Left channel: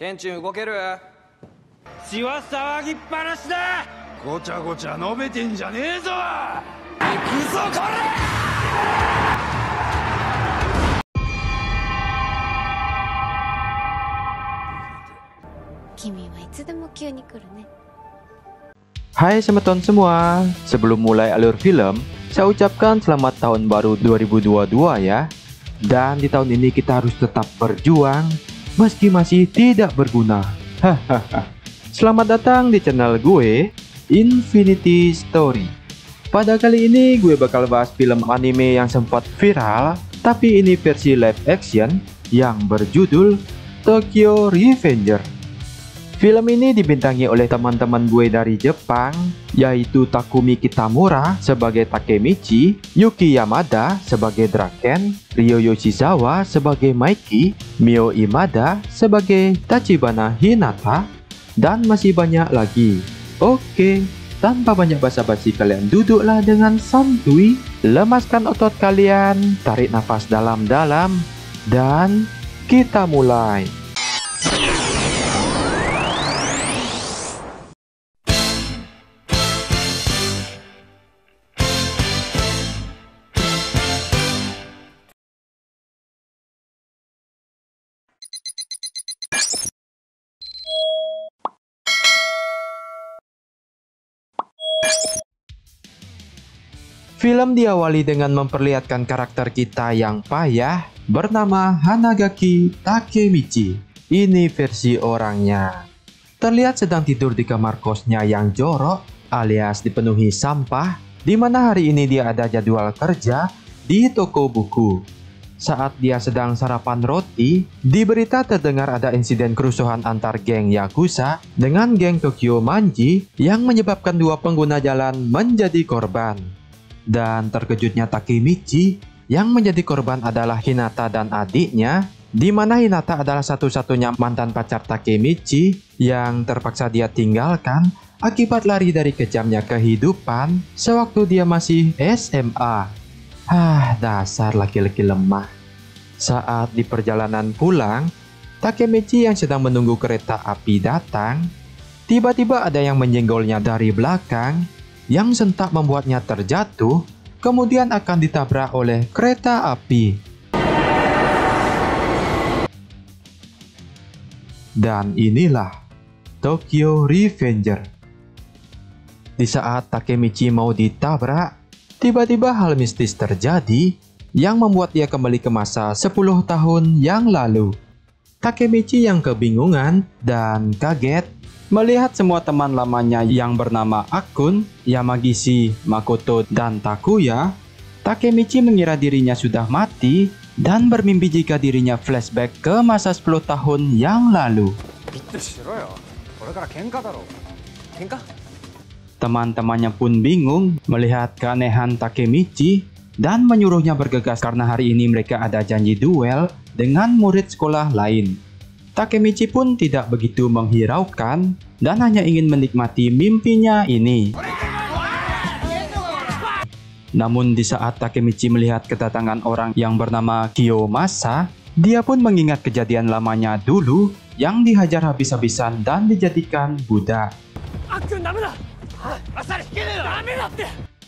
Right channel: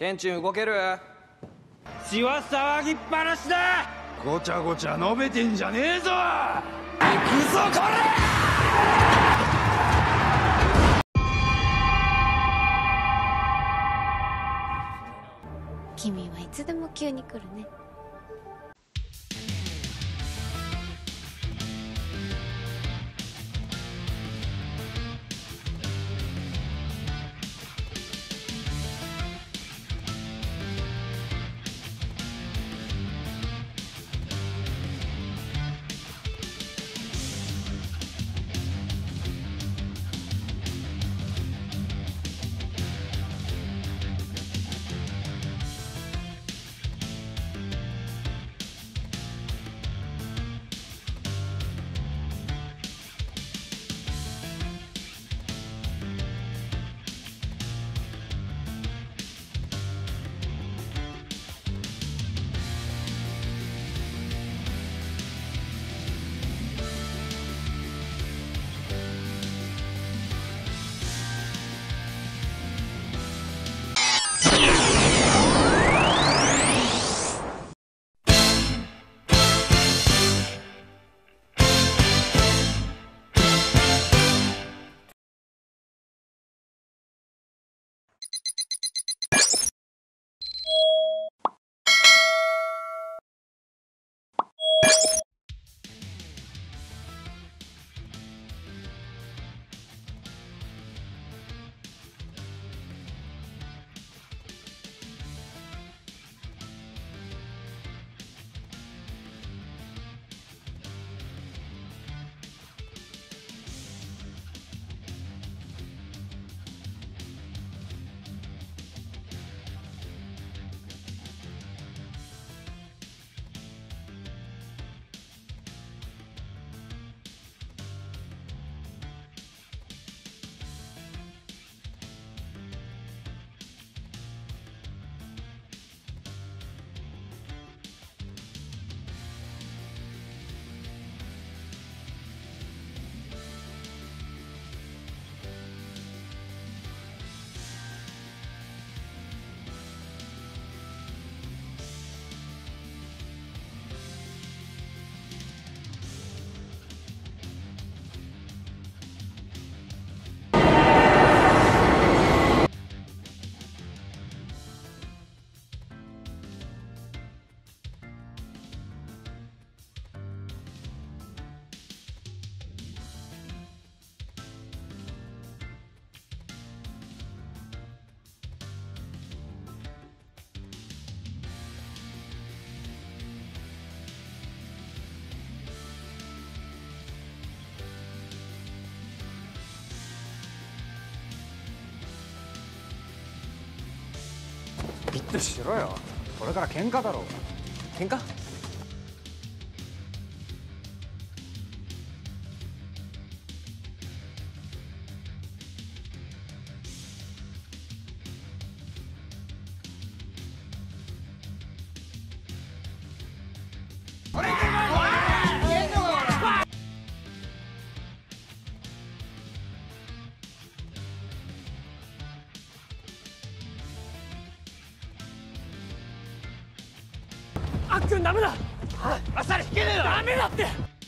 ケンチン動ける？血は騒ぎっぱなしだ。ごちゃごちゃ述べてんじゃねえぞ。行くぞこれ！君はいつでも急に来るね。Hai semeton semua, sebelum mulai alur film, saya ucapkan selamat tahun baru 2022 ya. Dan di tahun ini kita harus tetap berjuang, meski masih tidak berguna. Hahaha. Selamat datang di channel gue, Infinity Story. Pada kali ini gue bakal bahas film anime yang sempat viral, tapi ini versi live action yang berjudul Tokyo Revenger. Film ini dibintangi oleh teman-teman gue dari Jepang, yaitu Takumi Kitamura sebagai Takemichi, Yuki Yamada sebagai Draken, Ryo Yoshizawa sebagai Maiki, Mio Imada sebagai Tachibana Hinata, dan masih banyak lagi. Oke, tanpa banyak basa-basi kalian duduklah dengan santuy, lemaskan otot kalian, tarik nafas dalam-dalam, dan kita mulai. Film diawali dengan memperlihatkan karakter kita yang payah bernama Hanagaki Takemichi. Ini versi orangnya. Terlihat sedang tidur di kamar kosnya yang jorok alias dipenuhi sampah, di mana hari ini dia ada jadwal kerja di toko buku. Saat dia sedang sarapan roti, di berita terdengar ada insiden kerusuhan antar geng Yakuza dengan geng Tokyo Manji yang menyebabkan dua pengguna jalan menjadi korban. Dan terkejutnya Takemichi, yang menjadi korban adalah Hinata dan adiknya, di mana Hinata adalah satu-satunya mantan pacar Takemichi yang terpaksa dia tinggalkan akibat lari dari kejamnya kehidupan sewaktu dia masih SMA. Dasar laki-laki lemah. Saat di perjalanan pulang, Takemichi yang sedang menunggu kereta api datang, tiba-tiba ada yang menyenggolnya dari belakang, yang sentak membuatnya terjatuh, kemudian akan ditabrak oleh kereta api. Dan inilah Tokyo Revenger. Di saat Takemichi mau ditabrak, tiba-tiba hal mistis terjadi yang membuat dia kembali ke masa 10 tahun yang lalu. Takemichi yang kebingungan dan kaget melihat semua teman lamanya yang bernama Akun, Yamagishi, Makoto, dan Takuya. Takemichi mengira dirinya sudah mati dan bermimpi jika dirinya flashback ke masa 10 tahun yang lalu. Teman-temannya pun bingung melihat keanehan Takemichi dan menyuruhnya bergegas karena hari ini mereka ada janji duel dengan murid sekolah lain. Takemichi pun tidak begitu menghiraukan dan hanya ingin menikmati mimpinya ini. Namun di saat Takemichi melihat kedatangan orang yang bernama Kiyomasa, dia pun mengingat kejadian lamanya dulu yang dihajar habis-habisan dan dijadikan budak.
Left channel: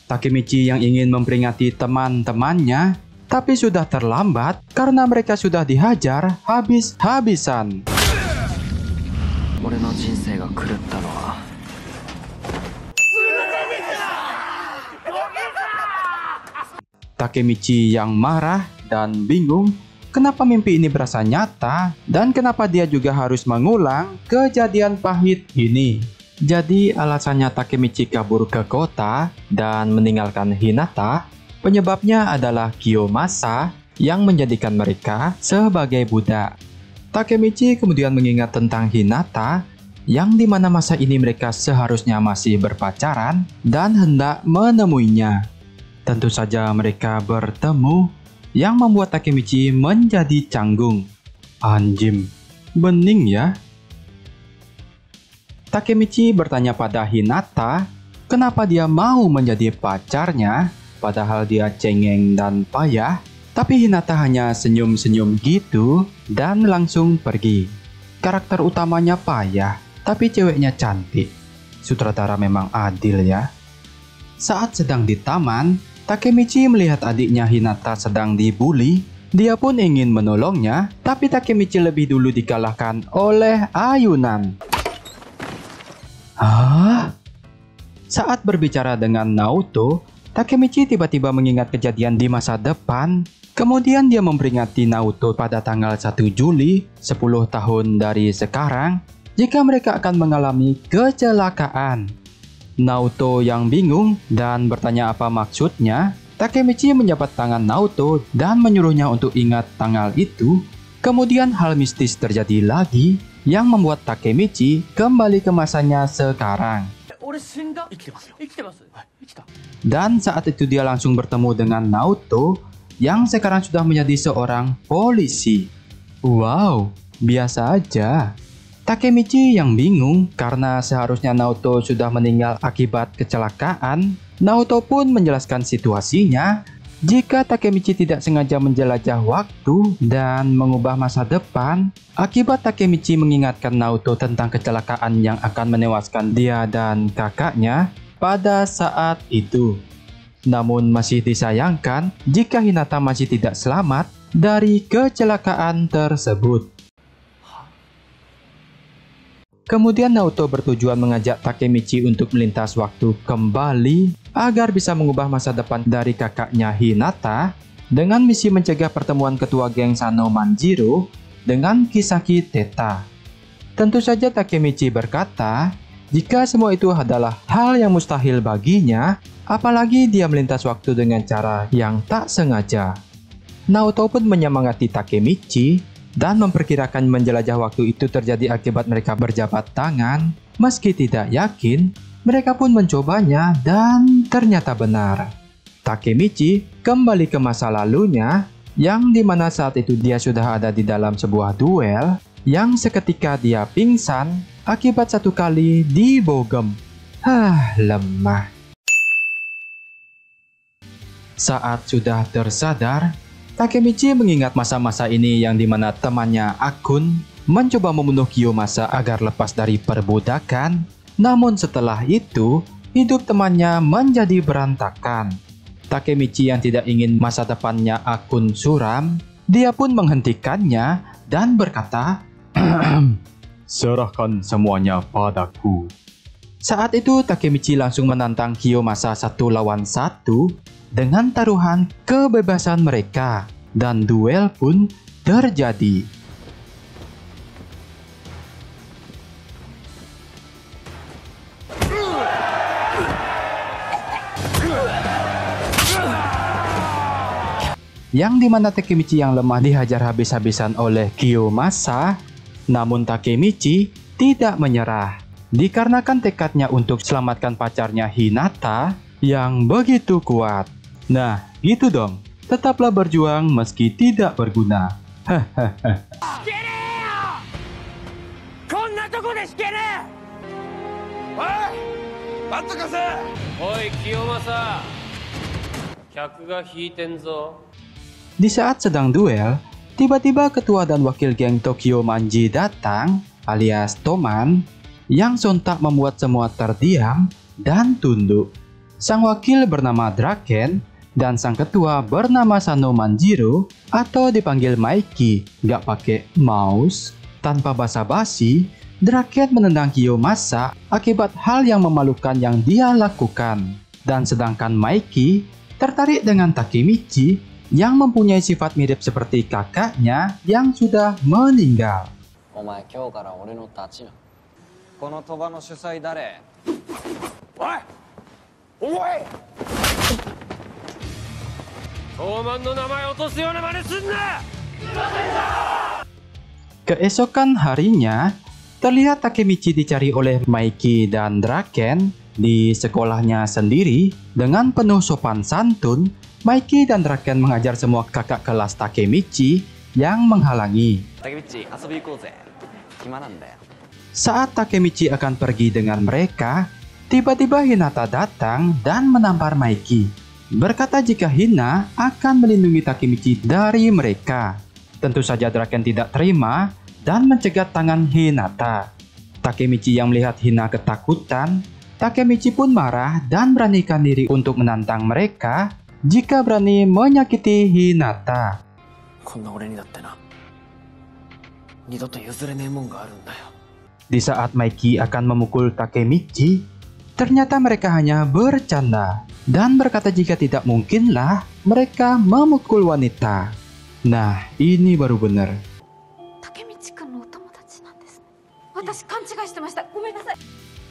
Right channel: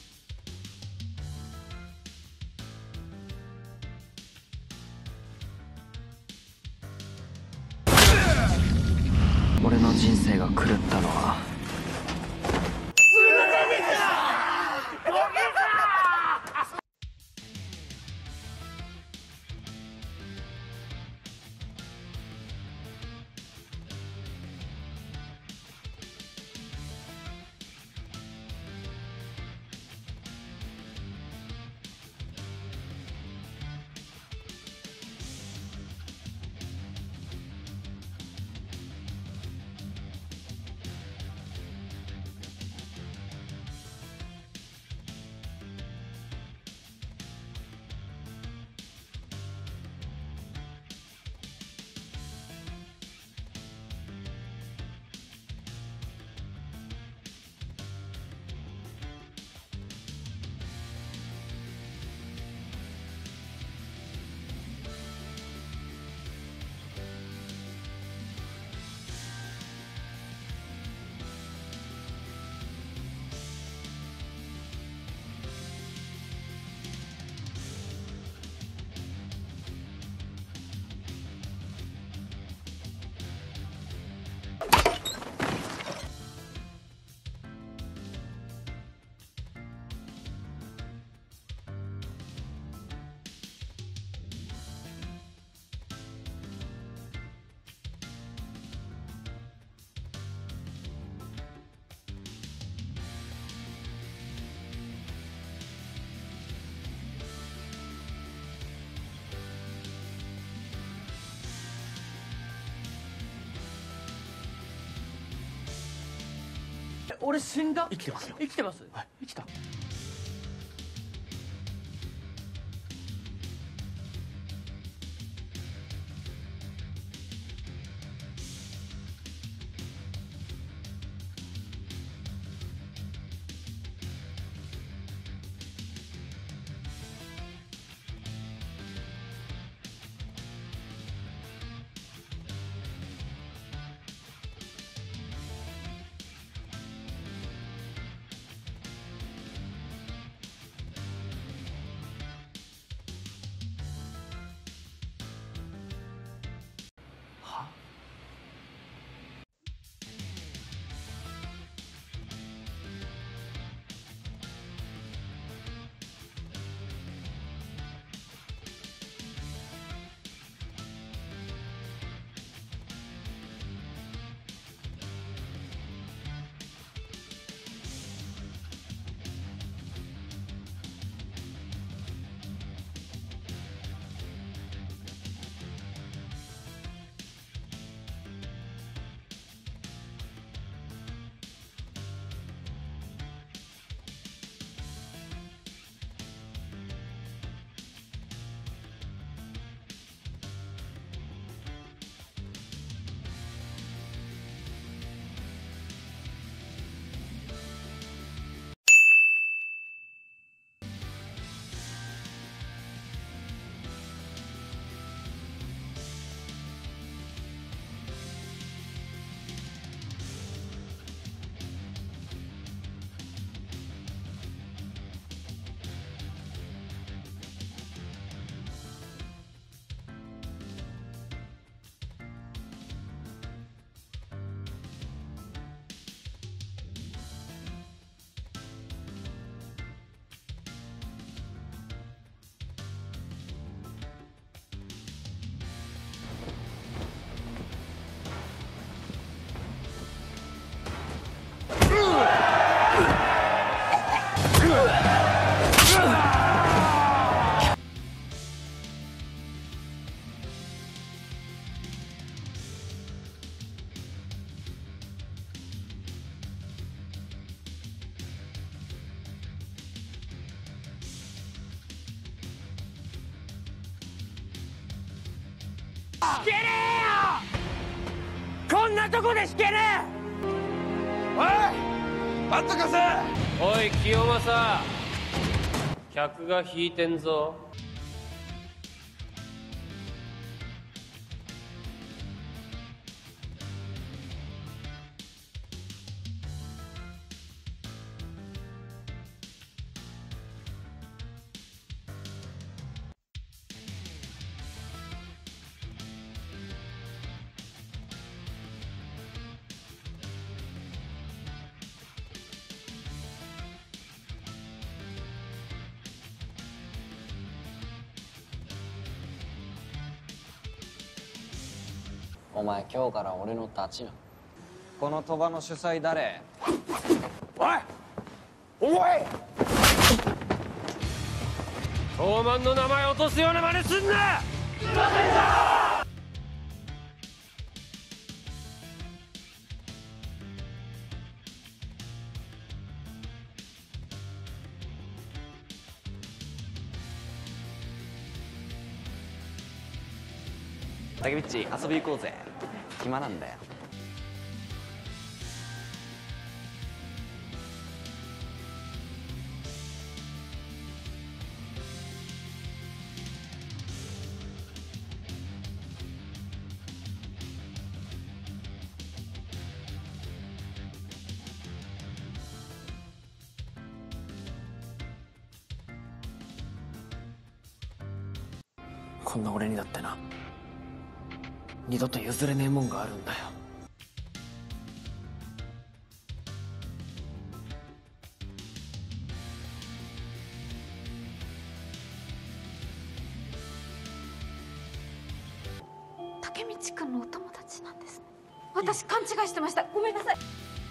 Takemichi yang ingin memperingati teman-temannya, tapi sudah terlambat karena mereka sudah dihajar habis-habisan. Takemichi yang marah dan bingung kenapa mimpi ini berasa nyata dan kenapa dia juga harus mengulang kejadian pahit ini. Jadi alasannya Takemichi kabur ke kota dan meninggalkan Hinata, penyebabnya adalah Kiyomasa yang menjadikan mereka sebagai budak. Takemichi kemudian mengingat tentang Hinata, yang dimana masa ini mereka seharusnya masih berpacaran dan hendak menemuinya. Tentu saja mereka bertemu, yang membuat Takemichi menjadi canggung. Anjim, bening ya. Takemichi bertanya pada Hinata, kenapa dia mau menjadi pacarnya, padahal dia cengeng dan payah. Tapi Hinata hanya senyum-senyum gitu dan langsung pergi. karakter utamanya payah, tapi ceweknya cantik. Sutradara memang adil ya. Saat sedang di taman, Takemichi melihat adiknya Hinata sedang dibully. Dia pun ingin menolongnya, tapi Takemichi lebih dulu dikalahkan oleh ayunan. Hah? Saat berbicara dengan Naoto, Takemichi tiba-tiba mengingat kejadian di masa depan. Kemudian dia memperingati Naoto pada tanggal 1 Juli, 10 tahun dari sekarang, jika mereka akan mengalami kecelakaan. Naoto yang bingung dan bertanya apa maksudnya. Takemichi menjabat tangan Naoto dan menyuruhnya untuk ingat tanggal itu. Kemudian hal mistis terjadi lagi yang membuat Takemichi kembali ke masanya sekarang. Dan saat itu dia langsung bertemu dengan Naoto yang sekarang sudah menjadi seorang polisi. Wow, biasa aja. Takemichi yang bingung karena seharusnya Naoto sudah meninggal akibat kecelakaan. Naoto pun menjelaskan situasinya jika Takemichi tidak sengaja menjelajah waktu dan mengubah masa depan. Akibat Takemichi mengingatkan Naoto tentang kecelakaan yang akan menewaskan dia dan kakaknya pada saat itu. Namun masih disayangkan jika Hinata masih tidak selamat dari kecelakaan tersebut. Kemudian Naoto bertujuan mengajak Takemichi untuk melintas waktu kembali agar bisa mengubah masa depan dari kakaknya Hinata dengan misi mencegah pertemuan ketua geng Sano Manjiro dengan Kisaki Teta. Tentu saja Takemichi berkata, jika semua itu adalah hal yang mustahil baginya, apalagi dia melintas waktu dengan cara yang tak sengaja. Naoto pun menyemangati Takemichi dan memperkirakan menjelajah waktu itu terjadi akibat mereka berjabat tangan. Meski tidak yakin, mereka pun mencobanya dan ternyata benar. Takemichi kembali ke masa lalunya, yang dimana saat itu dia sudah ada di dalam sebuah duel, yang seketika dia pingsan akibat satu kali dibogem. Lemah. Saat sudah tersadar, Takemichi mengingat masa-masa ini yang dimana temannya Akun mencoba membunuh Kiyomasa agar lepas dari perbudakan. Namun setelah itu, hidup temannya menjadi berantakan. Takemichi yang tidak ingin masa depannya Akun suram, dia pun menghentikannya dan berkata, "Serahkan semuanya padaku." Saat itu Takemichi langsung menantang Kiyomasa 1 lawan 1 dengan taruhan kebebasan mereka, dan duel pun terjadi. Yang dimana Takemichi yang lemah dihajar habis-habisan oleh Kiyomasa, namun Takemichi tidak menyerah dikarenakan tekadnya untuk selamatkan pacarnya Hinata yang begitu kuat. Nah, gitu dong. Tetaplah berjuang meski tidak berguna. Di saat sedang duel, tiba-tiba ketua dan wakil geng Tokyo Manji datang, alias Toman, yang sontak membuat semua terdiam dan tunduk. Sang wakil bernama Draken dan sang ketua bernama Sano Manjiro atau dipanggil Maiki, gak pakai mouse. Tanpa basa-basi, Draken menendang Kiyomasa akibat hal yang memalukan yang dia lakukan. Dan sedangkan Maiki tertarik dengan Takemichi yang mempunyai sifat mirip seperti kakaknya yang sudah meninggal. Omae, 今日から俺の立ちな。この賭場の主催誰？おい！おい！Keesokan harinya, terlihat Takemichi dicari oleh Maiki dan Draken di sekolahnya sendiri. Dengan penuh sopan santun, Maiki dan Draken mengajar semua kakak kelas Takemichi yang menghalangi. Takemichi, 遊び行こうぜ。暇なんだよ。Saat Takemichi akan pergi dengan mereka, tiba-tiba Hinata datang dan menampar Maiki. Berkata jika Hina akan melindungi Takemichi dari mereka. Tentu saja Draken tidak terima dan mencegat tangan Hinata. Takemichi yang melihat Hina ketakutan, Takemichi pun marah dan beranikan diri untuk menantang mereka jika berani menyakiti Hinata. こんな俺にだってな、二度と譲れねえもんがあるんだよ。 Di saat Maiki akan memukul Takemichi, ternyata mereka hanya bercanda dan berkata jika tidak mungkinlah mereka memukul wanita. Nah, ini baru benar. 竹道くんのお友達なんですね。私勘違いしてました。ごめんなさい。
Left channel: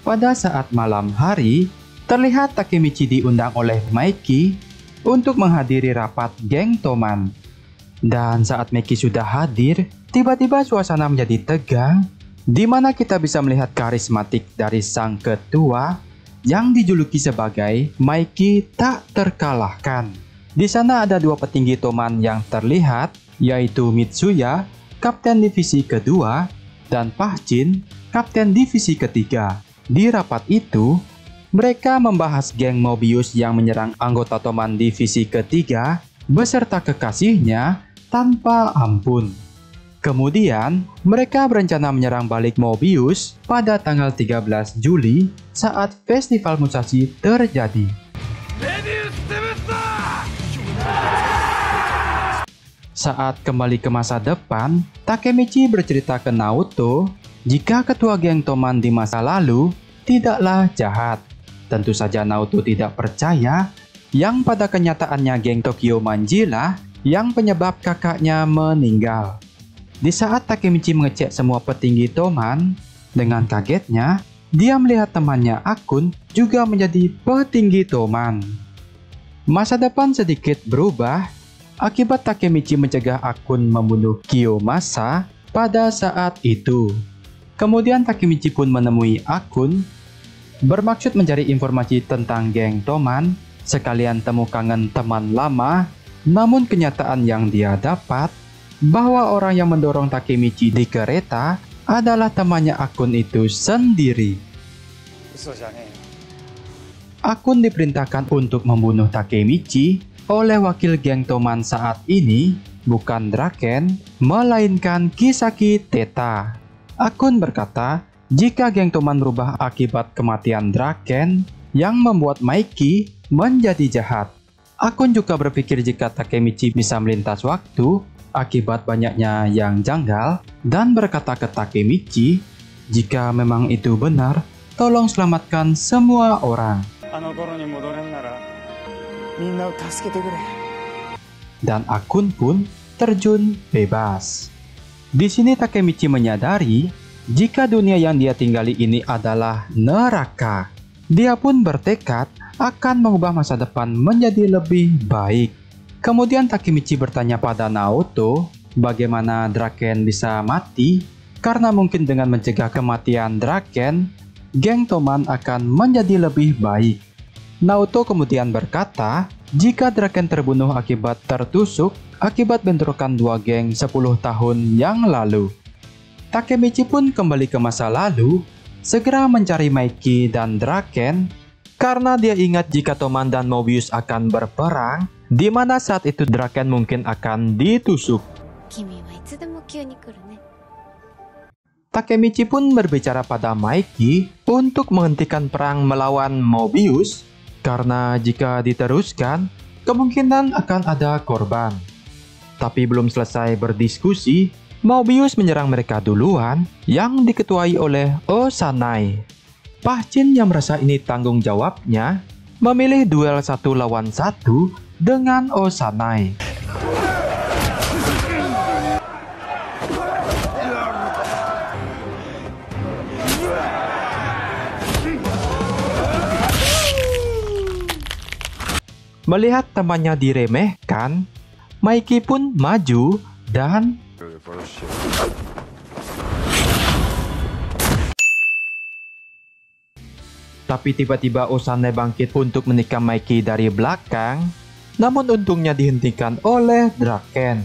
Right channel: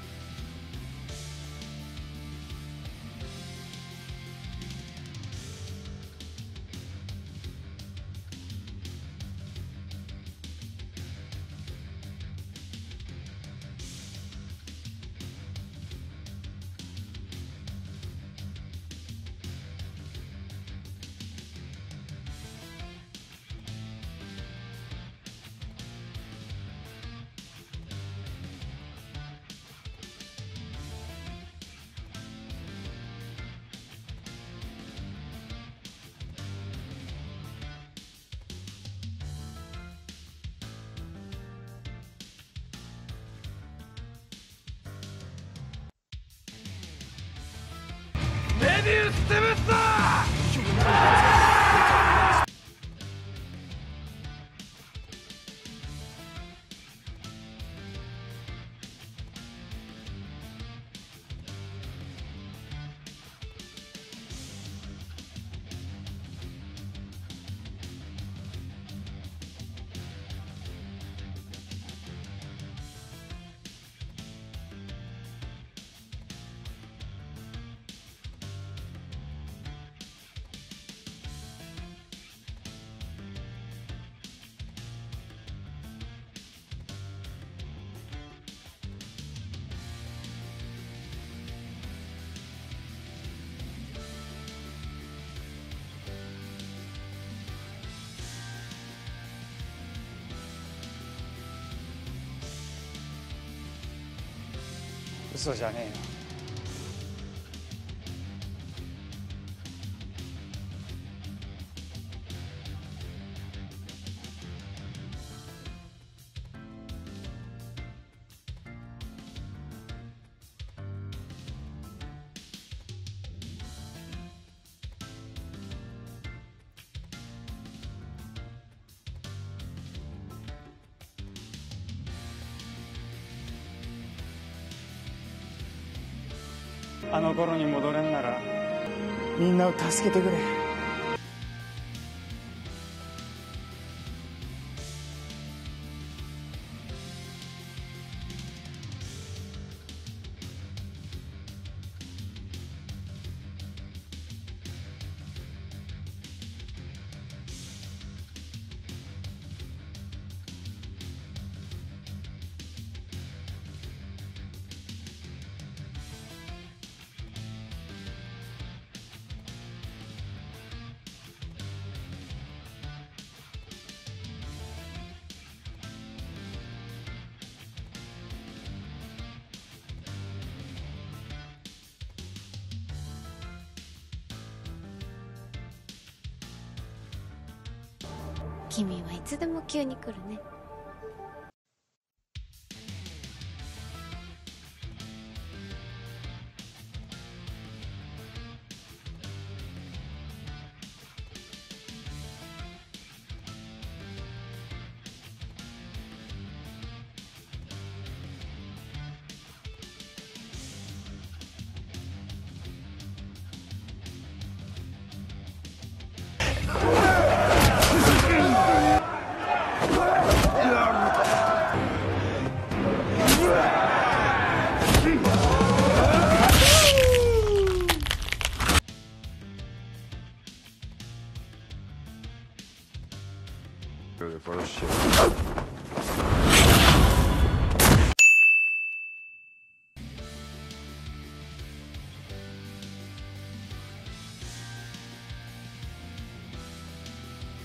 Pada saat malam hari, terlihat Takemichi diundang oleh Maiki untuk menghadiri rapat geng Toman. Dan saat Maiki sudah hadir, tiba-tiba suasana menjadi tegang, di mana kita bisa melihat karismatik dari sang ketua yang dijuluki sebagai Maiki tak terkalahkan. Di sana ada dua petinggi Toman yang terlihat, yaitu Mitsuya, Kapten Divisi kedua, dan Pahjin, Kapten Divisi ketiga. Di rapat itu, mereka membahas geng Mobius yang menyerang anggota Toman Divisi ketiga beserta kekasihnya tanpa ampun. Kemudian, mereka berencana menyerang balik Mobius pada tanggal 13 Juli saat Festival Musashi terjadi. Saat kembali ke masa depan, Takemichi bercerita ke Naoto jika ketua geng Toman di masa lalu tidaklah jahat. Tentu saja Naoto tidak percaya yang pada kenyataannya geng Tokyo Manji lah yang penyebab kakaknya meninggal. Di saat Takemichi mengecek semua petinggi Toman, dengan kagetnya, dia melihat temannya Akun juga menjadi petinggi Toman. Masa depan sedikit berubah akibat Takemichi mencegah Akun membunuh Kiyomasa pada saat itu. Kemudian Takemichi pun menemui Akun, bermaksud mencari informasi tentang geng Toman, sekalian temu kangen teman lama. Namun kenyataan yang dia dapat bahwa orang yang mendorong Takemichi di kereta adalah temannya Akun itu sendiri. Akun diperintahkan untuk membunuh Takemichi oleh wakil geng Toman saat ini, bukan Draken, melainkan Kisaki Teta. Akun berkata jika geng Toman berubah akibat kematian Draken yang membuat Maiki menjadi jahat. Akun juga berpikir jika Takemichi bisa melintas waktu akibat banyaknya yang janggal dan berkata ke Takemichi, jika memang itu benar, tolong selamatkan semua orang. Dan Akun pun terjun bebas. Di sini Takemichi menyadari jika dunia yang dia tinggali ini adalah neraka. Dia pun bertekad akan mengubah masa depan menjadi lebih baik. Kemudian Takemichi bertanya pada Naoto bagaimana Draken bisa mati, karena mungkin dengan mencegah kematian Draken, geng Toman akan menjadi lebih baik. Naoto kemudian berkata jika Draken terbunuh akibat tertusuk akibat bentrokan dua geng 10 tahun yang lalu. Takemichi pun kembali ke masa lalu, segera mencari Maiki dan Draken karena dia ingat jika Toman dan Mobius akan berperang, di mana saat itu Draken mungkin akan ditusuk. Takemichi pun berbicara pada Maiki untuk menghentikan perang melawan Mobius, karena jika diteruskan, kemungkinan akan ada korban. Tapi belum selesai berdiskusi, Mobius menyerang mereka duluan yang diketuai oleh Osanai. Pahjin yang merasa ini tanggung jawabnya memilih duel 1 lawan 1 dengan Osanai. Melihat temannya diremehkan, Maiki pun maju dan tapi tiba-tiba Osanai bangkit untuk menikam Maiki dari belakang, namun untungnya dihentikan oleh Draken.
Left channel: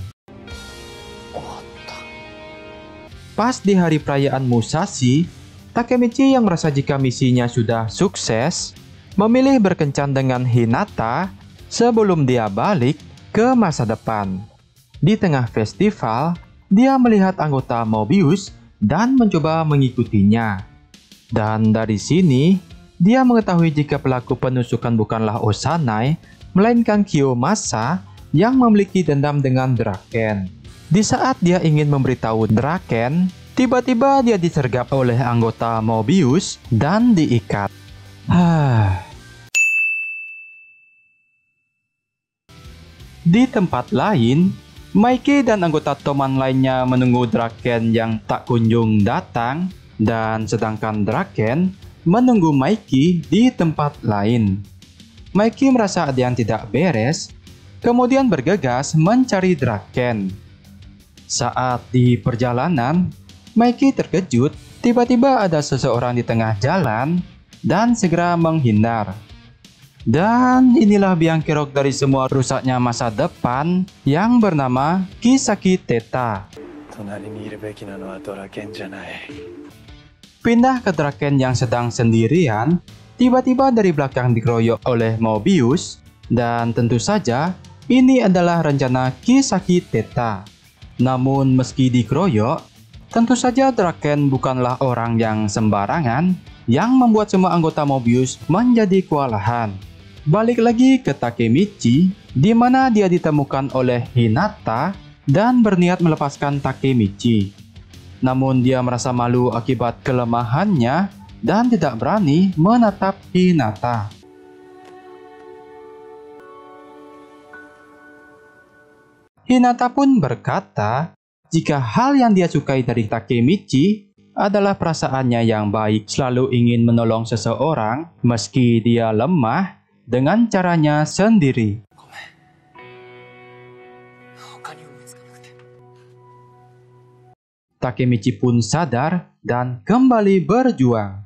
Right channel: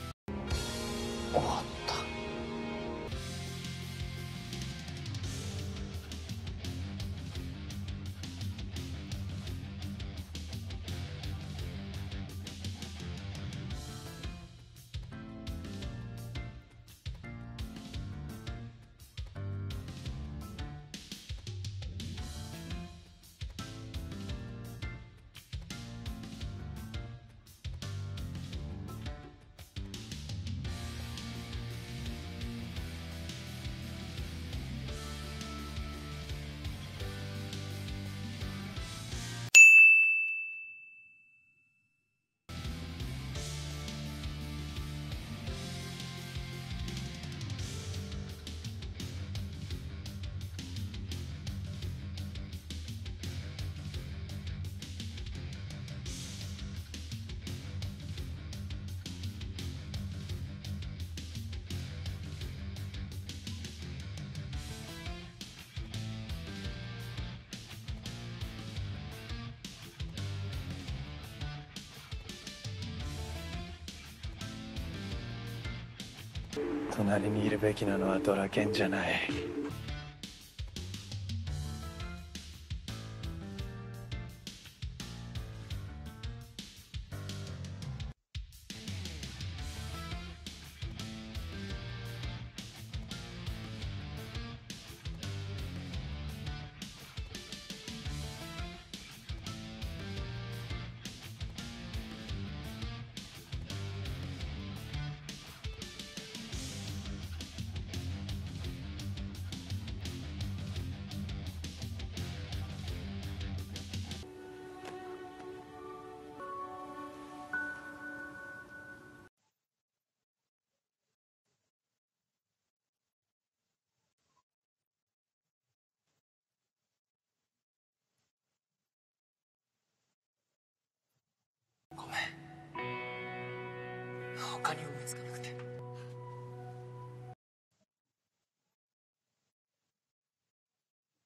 Pas di hari perayaan Musashi, Takemichi yang merasa jika misinya sudah sukses, memilih berkencan dengan Hinata sebelum dia balik ke masa depan. Di tengah festival, dia melihat anggota Mobius dan mencoba mengikutinya. Dan dari sini, dia mengetahui jika pelaku penusukan bukanlah Osanai, melainkan Kiyomasa yang memiliki dendam dengan Draken. Di saat dia ingin memberitahu Draken, tiba-tiba dia disergap oleh anggota Mobius dan diikat. Di tempat lain, Mikey dan anggota Toman lainnya menunggu Draken yang tak kunjung datang, dan sedangkan Draken menunggu Mikey di tempat lain. Mikey merasa ada yang tidak beres, kemudian bergegas mencari Draken. Saat di perjalanan, Mikey terkejut tiba-tiba ada seseorang di tengah jalan dan segera menghindar. Dan inilah biang kerok dari semua rusaknya masa depan yang bernama Kisaki Teta. Pindah ke Draken yang sedang sendirian, tiba-tiba dari belakang dikeroyok oleh Mobius, dan tentu saja ini adalah rencana Kisaki Teta. Namun meski dikeroyok, tentu saja Draken bukanlah orang yang sembarangan yang membuat semua anggota Mobius menjadi kewalahan. Balik lagi ke Takemichi, di mana dia ditemukan oleh Hinata dan berniat melepaskan Takemichi. Namun dia merasa malu akibat kelemahannya dan tidak berani menatap Hinata. Hinata pun berkata, jika hal yang dia sukai dari Takemichi adalah perasaannya yang baik, selalu ingin menolong seseorang meski dia lemah dengan caranya sendiri. Takemichi pun sadar dan kembali berjuang.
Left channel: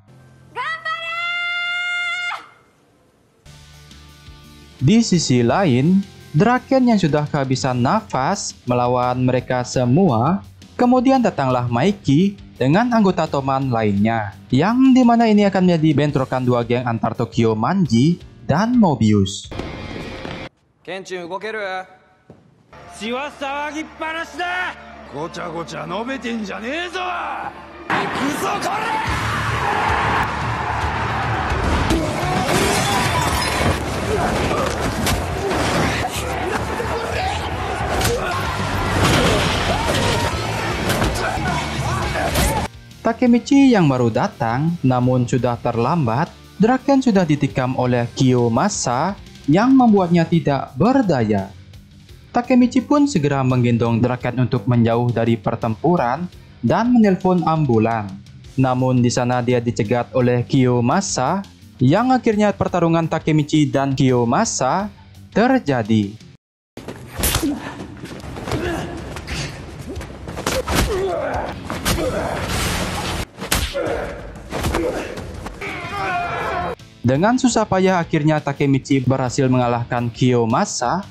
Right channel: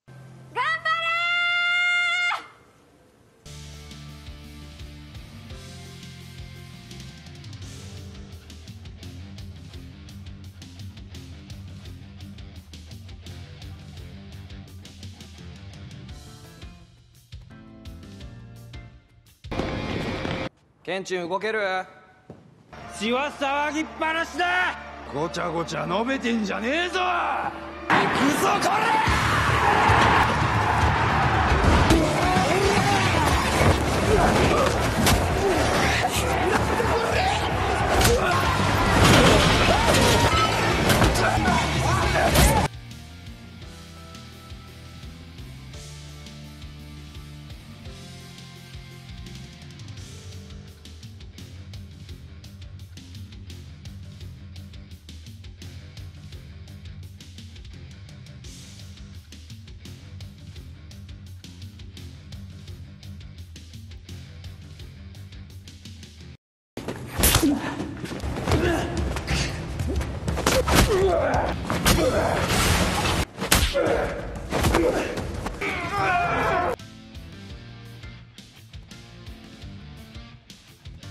Di sisi lain, Draken yang sudah kehabisan nafas melawan mereka semua, kemudian datanglah Mikey dengan anggota Toman lainnya, yang dimana ini akan menjadi bentrokan dua geng antar Tokyo Manji dan Mobius. Kenshin, 動ける？血は騒ぎっぱなしだ。ごちゃごちゃ述べてんじゃねえぞ。行くぞこTakemichi yang baru datang, namun sudah terlambat. Draken sudah ditikam oleh Kiyomasa yang membuatnya tidak berdaya. Takemichi pun segera menggendong Draken untuk menjauh dari pertempuran dan menelpon ambulan. Namun di sana dia dicegat oleh Kiyomasa, yang akhirnya pertarungan Takemichi dan Kiyomasa terjadi. Dengan susah payah akhirnya Takemichi berhasil mengalahkan Kiyomasa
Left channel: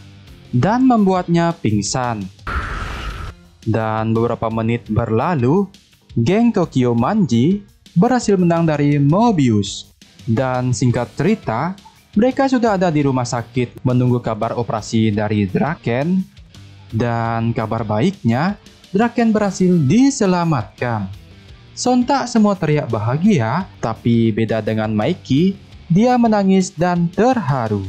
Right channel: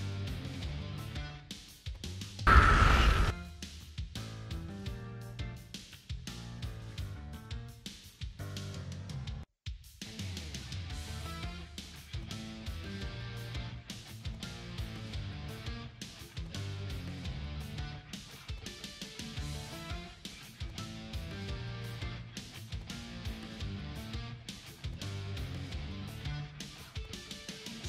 dan membuatnya pingsan. Dan beberapa menit berlalu, geng Tokyo Manji berhasil menang dari Mobius. Dan singkat cerita, mereka sudah ada di rumah sakit menunggu kabar operasi dari Draken. Dan kabar baiknya, Draken berhasil diselamatkan. Sontak semua teriak bahagia, tapi beda dengan Mikey, dia menangis dan terharu.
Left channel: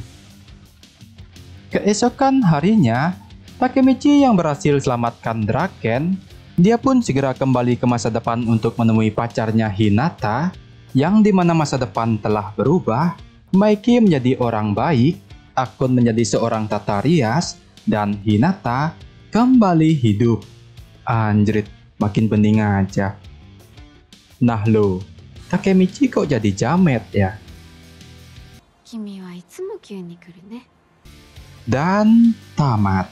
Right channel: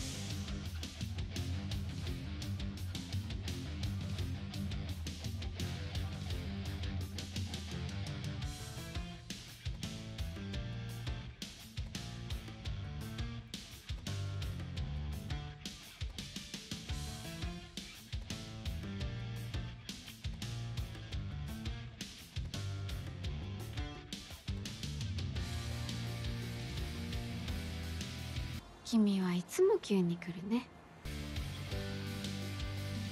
Keesokan harinya, Takemichi yang berhasil selamatkan Draken, dia pun segera kembali ke masa depan untuk menemui pacarnya Hinata, yang dimana masa depan telah berubah. Mikey menjadi orang baik, Akun menjadi seorang tata rias, dan Hinata kembali hidup. Anjrit, makin bening aja. Nah lo, Takemichi kok jadi jamet ya? Dan tamat.